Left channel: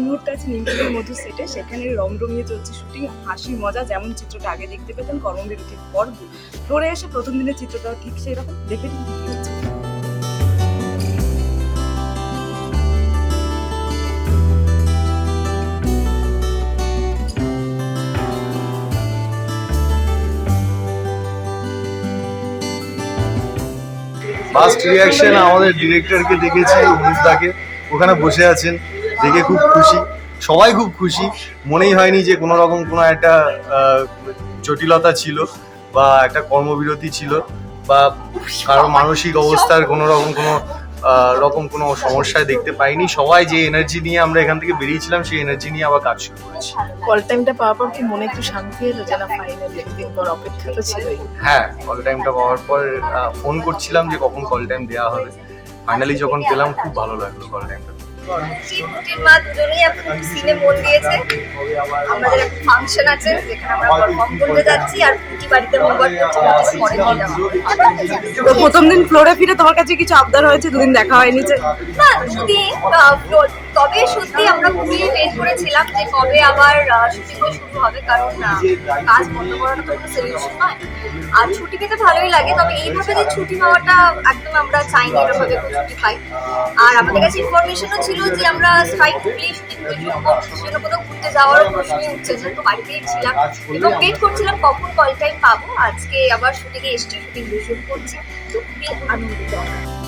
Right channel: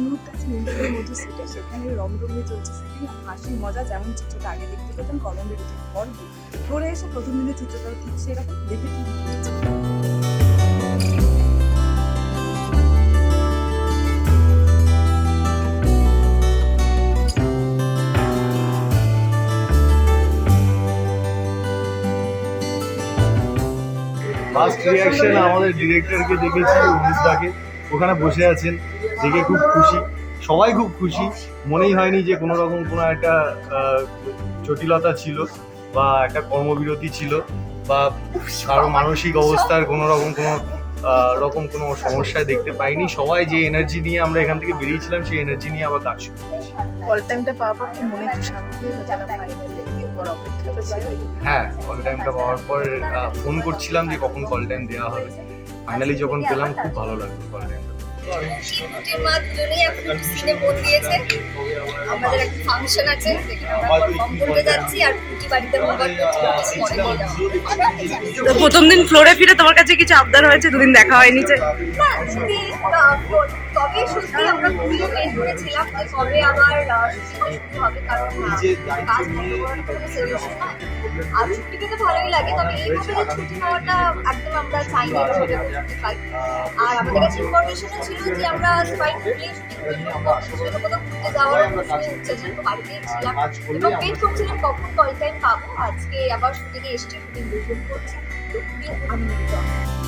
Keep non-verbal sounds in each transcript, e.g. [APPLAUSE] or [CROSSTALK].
নিমপুরের মধ্যে সেটে সেখানে রং রঙিয়ে চলছে শুটিং হাসি, মজা যেমন চিত্রটা আগে দেখতে পেতেন কর্মবিরতির পর ফ্লোরে এসে প্রথম দিনের চিত্রটা ঠিক সেরকম দেখে ফার্স্ট রিয়াকশন আমাদের ডিরেক্টরকে দেখেছি অনুপদাকে ওখানে বসে আছেন। দেখে খুব খুশি। সবাই খুব খুশি। মনেই হয়নি যে কোনো রকম কোনো একটা জটিলতা ছিল বা একটা কর্মবিরতি ছিল বা কারও মানসিক অবস্থার কোনো রকম কোনো রকম কোনো সমস্যায় দেখতে পাইনি। সবাই যে এনার্জি নিয়ে আমরা এখান থেকে বেরিয়েছিলাম সেই এনার্জি নিয়ে আবার কাজ শুরু করেছি। কল টাইমটা পাওয়ার পর কি মনে একটু শান্তি এলো যে না ফাইনালি একদিন পর অপেক্ষা তো ছিলই? হ্যাঁ কল টাইমটা পাওয়ার পর ফোন করছিলাম যে কখন কল টাইম দেওয়া হবে। ফাইনালি যখন পেলাম খুব ভালো লাগল কল টাইমটা দুজনেই এখন একটু সিনে মন দিয়েছে আমাদের একটা ফাংশন আছে, যেখানে আমরা পারফর্ম করতে যাচ্ছি আর প্রথম দিন ফ্লোরে ফিরে তোমার কাছে কিছু আবদার হয়েছে? দুদিন দেখা হয়নি যে। না যদি তবে সত্যি আমরা খুবই ওয়েট করেছিলাম যে কবে আবার শুটিং শুরু হবে কারণ কাজ বন্ধ করানো তো কোনো সলিউশন নয় আর ছুটি পেতে ভালোই লাগে তবে এইভাবে যে ছুটি পাওয়াটা একদম আমরা চাইনি এভাবে ছুটি পাই। আর আমাদের কাছে ইনফরমেশনও ছিল যে আমরা স্ট্রাইক প্লে শুরু করছি সেটা কোথাও ঘুরতে যাওয়ার প্রশ্নই উঠছে যেহেতু বাড়িতেই ছিলাম। এবং ওয়েট করছিলাম কখন কল টাইম পাবো। আজকে আবার শুটিংয়ে এসটি শুটিং শুরু করছি। খুবই আনন্দিত।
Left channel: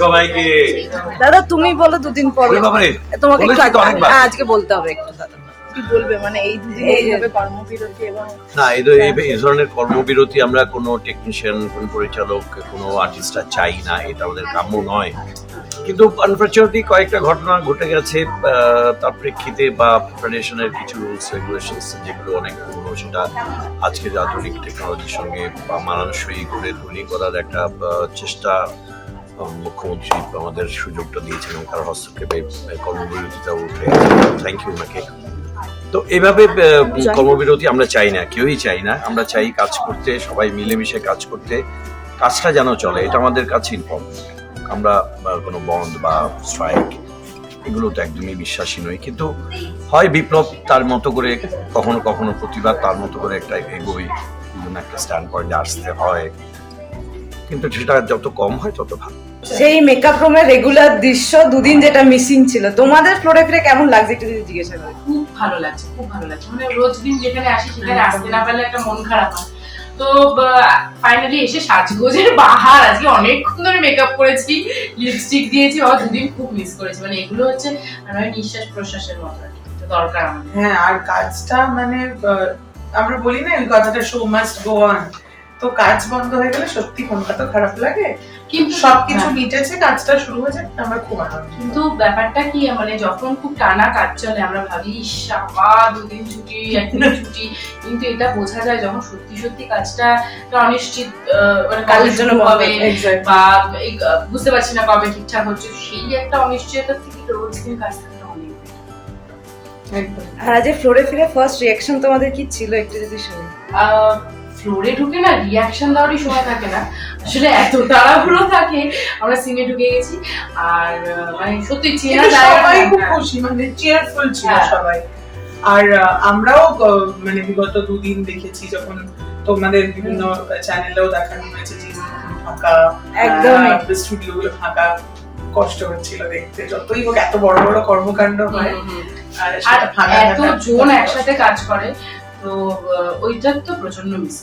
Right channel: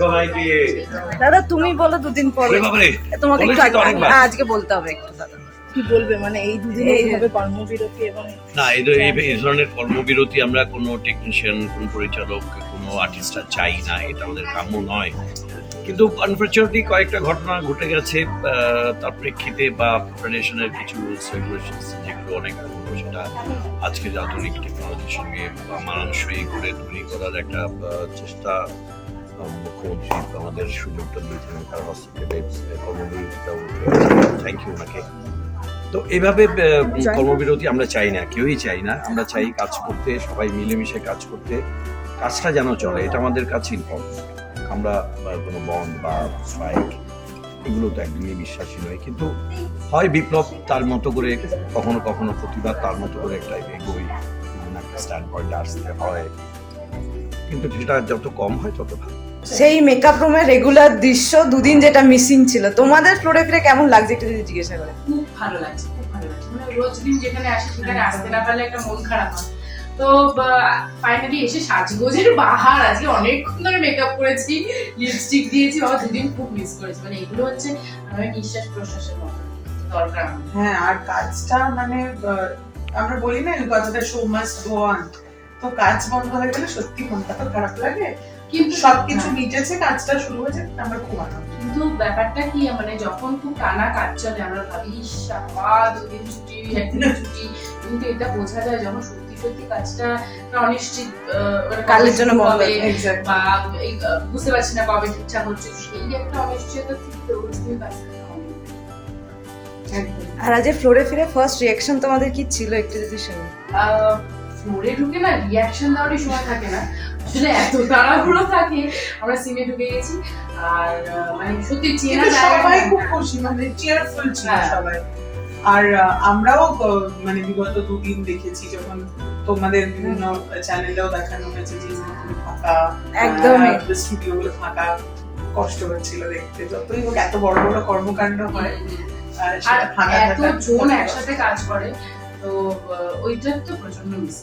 সবাইকে। দাদা তুমি বলো দুদিন পর। তোমাকে একটু। হ্যাঁ, আজকে বলতে হবে একটু দাদা। কি বলবে? মানে এই দুদিন এইভাবে কর্মবিরতি এবং না এই ধর- এই এই ধরনের কর্মবিরতি আমরা কোনো টেকনিশিয়ান কোনো পরিচালক কোনো আর্টিস্টরা চাই না এটা আমাদের কাম্য নয়। কিন্তু আনফর্চুনেটলি কয়েকটা ঘটনা ঘটে গেছে আহ, তার প্রেক্ষিতে বা ফেডারেশনের কিছু রুলস রেগুলেশনস যেগুলো অনেক পুরনো সেটা আজকের আধুনিক টেকনোলজির সঙ্গে বা মানানসই করে তৈরি করার একটা আহ, চেষ্টা মুখ্যমন্ত্রী আমাদের সুযোগটা দিয়েছেন এবং তার হস্তক্ষেপে উঠে থ্যাংক ইউ ওনাকে। তো এভাবে কর্মবিরতি আমরা চাই না কেউই চাই না। আমরা চাই কাজ করতে সবাই মিলেমিশে কাজ করতে। কাজটা যেন চলে এটা আমাদের কাছে ইম্পর্টেন্ট আমরা কোনো বন্ধ বা স্ট্রাইক এগুলো তো একদমই বিশ্বাসী নই। কিন্তু হয় বিপ্লব তার মতো করে কখনো কখনো প্রতিবাদ তার মতো করে একটা এগোই একটা স্ট্যান্ড পয়েন্টে আসতে হয়। কিন্তু সেটা যত কম হয় তত ভালো। সেই মেকআপ রুমের রেগুলার দৃশ্য দুদিন যেটা মিসিং ছিল তোমাদের ফিরে কেমন লাগছে একটু যদি জিজ্ঞাসা করি? খুব ভালো লাগছে খুব ভালো লাগছে। মানে রোজ দিন যেখানে আসি সেখানে আসতে না পারলে একটা মন খারাপ হয়। তো ফাইনালি এসে সাজগোজের বাহার আজকে অনেকক্ষণ ধরে মেকআপ করেছি লিপস্টিক দিয়েছি বাবা দুদিন খুব মিস করেছি। মানে এগুলো হচ্ছে মানে ওই নিঃশ্বাস প্রশ্বাসের মতো দরকার হ্যাঁ আর কাজটা মানে আহ, আমরা বলি না কথাটা শো মাস্ট গো অন তো কাজ বন্ধ হয়ে গেলে সত্যি মনটা তো খারাপ লাগে। কিন্তু সবকিছু হ্যাঁ। মিটেছে কাজটা শুরু হয়েছে আমার খুব আনন্দ। কিন্তু ব্যাপারটা কি মানে যখন খুব টানা কাজ চলে আমরা ভাবি ইস আবা দুদিন ছুটি একদিন [LAUGHS] ছুটি। কিন্তু এটা বোঝা যায় যখন সত্যি সত্যি কাজটা অনিশ্চিত মানে কাজের জন্য হবে বা বুঝতে পারছি না কবে ঠিকঠাক হচ্ছে সেই একটা অনিশ্চয়তা থেকে রোজ দিন কাজ। আর আজ ফ্লোরে ফিরে ফার্স্ট রিয়াকশন তোমাদের কি ছিল একটু যদি শুনি? ফ্লোরে ঢুকে না রিয়াকশন দেওয়ারই সময় থাকে না। আসলে এত তাড়াহুড়ো থাকে আমরা সিনে ঢুকে গেছি। আর মানে সত্যি চেনা সবাই খুব খুশি মানে চিয়ারফুল ছিল হ্যাঁ। সবাই। আর আমরাও মানে বিগত দুদিন দেখেছি যখন তোমাদের বিভিন্ন চ্যানেলেও দেখানো হয়েছে যে ফাঁকা একদমই। স্টুডিও গুলো ফাঁকা কষ্ট হচ্ছিল দেখতে। যতই হোক এত বড় বড় কর্মকাণ্ড হয়। আর আর সেটা ফাঁকা এত জন একসাথে কাজ করে তো ওইটার তো প্রচণ্ড মিস